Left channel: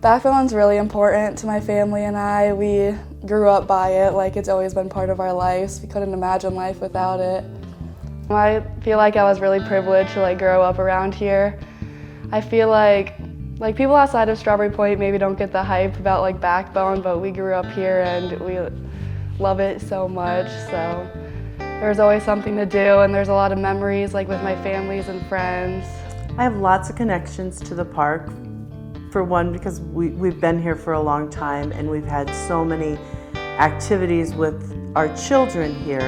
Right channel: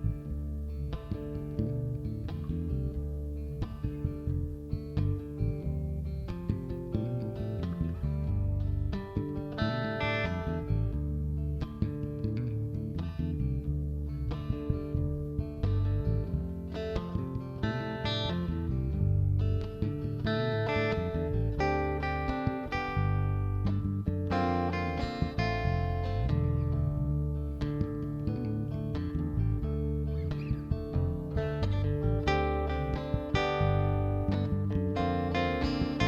Backbone's really important to my family and I. We grew up by it, like it's always been part of our lives. We couldn't imagine life without it. I feel like I was really privileged to grow up around here. I feel like people outside of Strawberry Point maybe don't get the hype about Backbone, but we grew up here and we love it so much. So there's always something to do, and there's a lot of memories with my families and friends. I have lots of connections to the park. For one, because we've been here for a long time and we've had so many activities with our children here.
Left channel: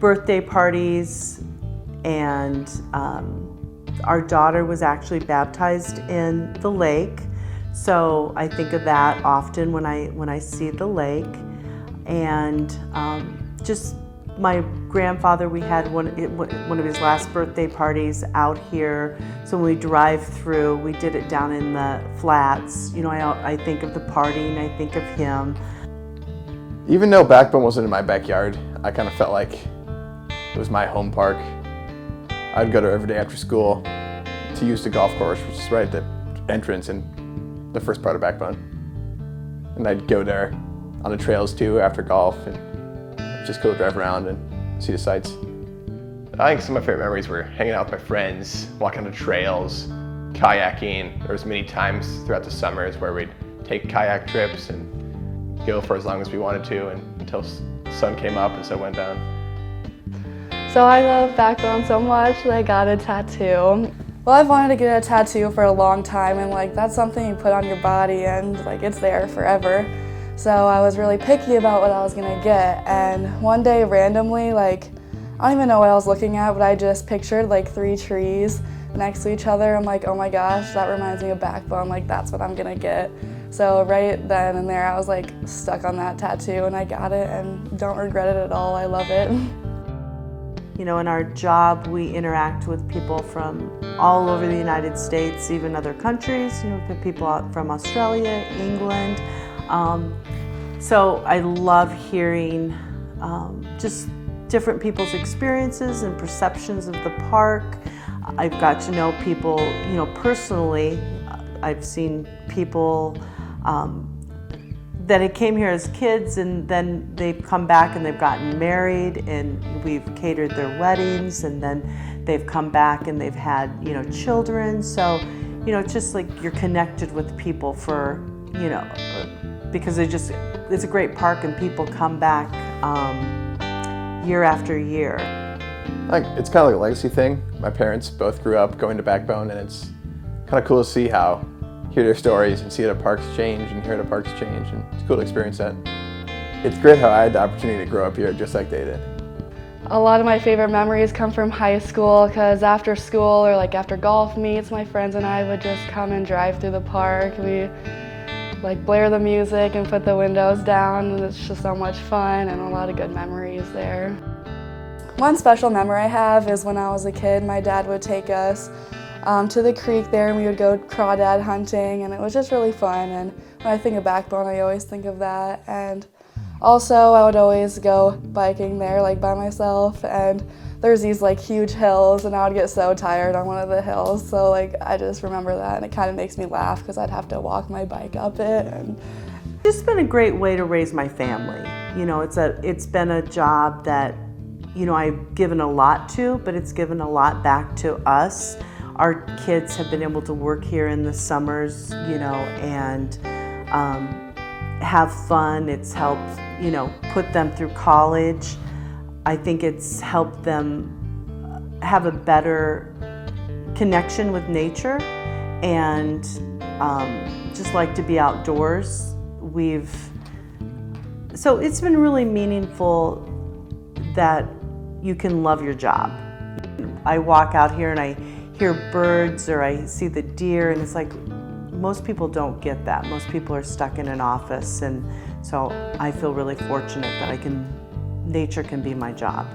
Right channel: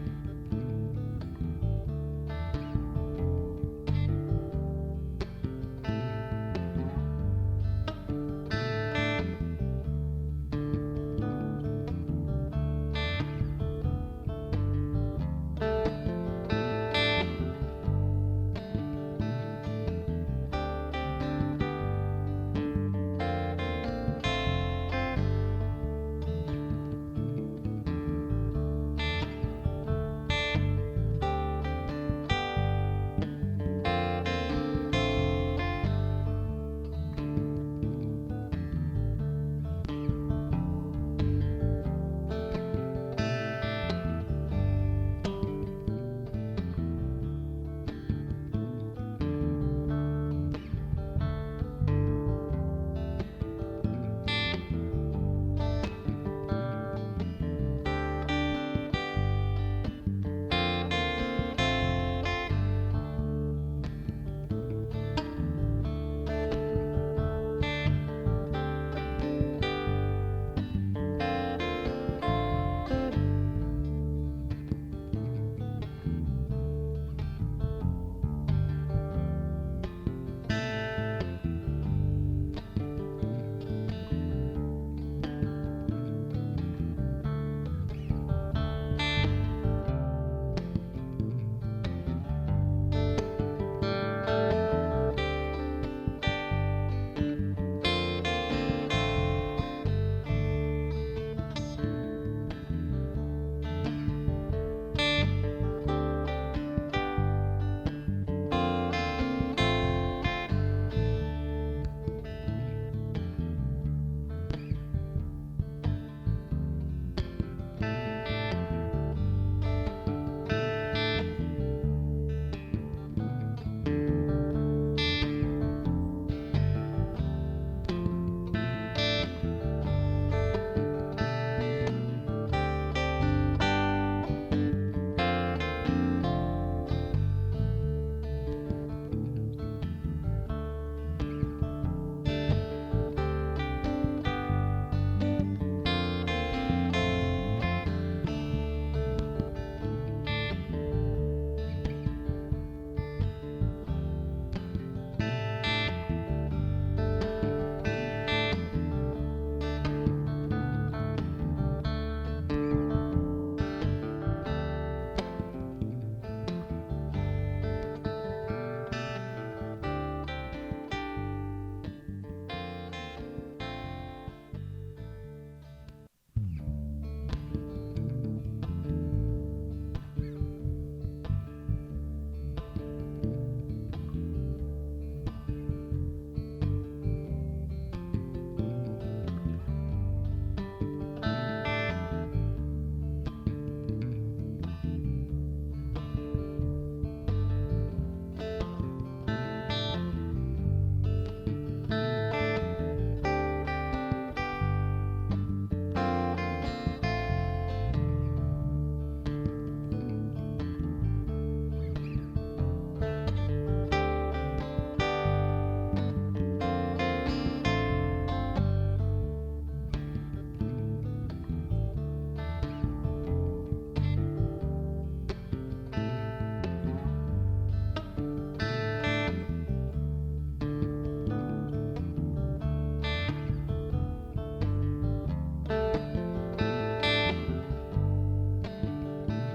Birthday parties, and our daughter was actually baptized in the lake. So I think of that often when I see the lake. And just my grandfather, we had one of his last birthday parties out here. So when we drive through, we did it down in the flats. You know, I think of the party and I think of him. Even though Backbone wasn't in my backyard, I kind of felt like it was my home park. I'd go there every day after school to use the golf course, which is right at the entrance in the first part of Backbone. And I'd go there on the trails too after golf and just go drive around and see the sights. I think some of my favorite memories were hanging out with my friends, walking on the trails, kayaking. There was many times throughout the summers where we'd take kayak trips and go for as long as we wanted to until the sun came up and sun went down. So I love Backbone so much that I got a tattoo. Well, I've wanted to get a tattoo for a long time, and that's something you put on your body and it's there forever. So I was really picky about what I was gonna get, and one day randomly, I don't even know what I was looking at, but I just pictured 3 trees next to each other. I'm like, oh my gosh, that reminds me of Backbone, that's what I'm gonna get. So right then and there, I was stuck on that tattoo, and I got it and don't regret it at all. I love it. You know, in our job, we interact with people from all over the United States, even other countries, people out from Australia, England. So I love hearing just different people's experiences and perceptions of the park. I've got to know people, personally. I've seen people that had came here as kids, and then they've come back and they've gotten married, and we've catered their weddings, and then they've come back and they've had children. So it's just you're connected with people for because it's a great park and people come back year after year. It's kind of like a legacy thing. My parents both grew up going to Backbone, and it's kind of cool to hear their stories and see how the parks change and hear the parks change, and it's cool to experience that. It's great how I had the opportunity to grow up here just like they did. A lot of my favorite memories come from high school, because after school or after golf meets, my friends and I would just come and drive through the park. We blare the music and put the windows down, and it's just so much fun and a lot of good memories there. One special memory I have is when I was a kid, my dad would take us to the creek there, and we would go crawdad hunting, and it was just really fun. And when I think of Backbone, I always think of that. And also, I would always go biking there by myself, and there's these huge hills, and I would get so tired on one of the hills. So I just remember that, and it kind of makes me laugh because I'd have to walk my bike up it. And it's been a great way to raise my family. It's been a job that I've given a lot to, but it's given a lot back to us. Our kids have been able to work here in the summers, and have fun. It's helped, put them through college. I think it's helped them have a better connection with nature and just like to be outdoors. So it's been really meaningful that you can love your job. I walk out here and I hear birds or I see the deer, and it's most people don't get that. Most people are stuck in an office, and so I feel really fortunate that nature can be my job.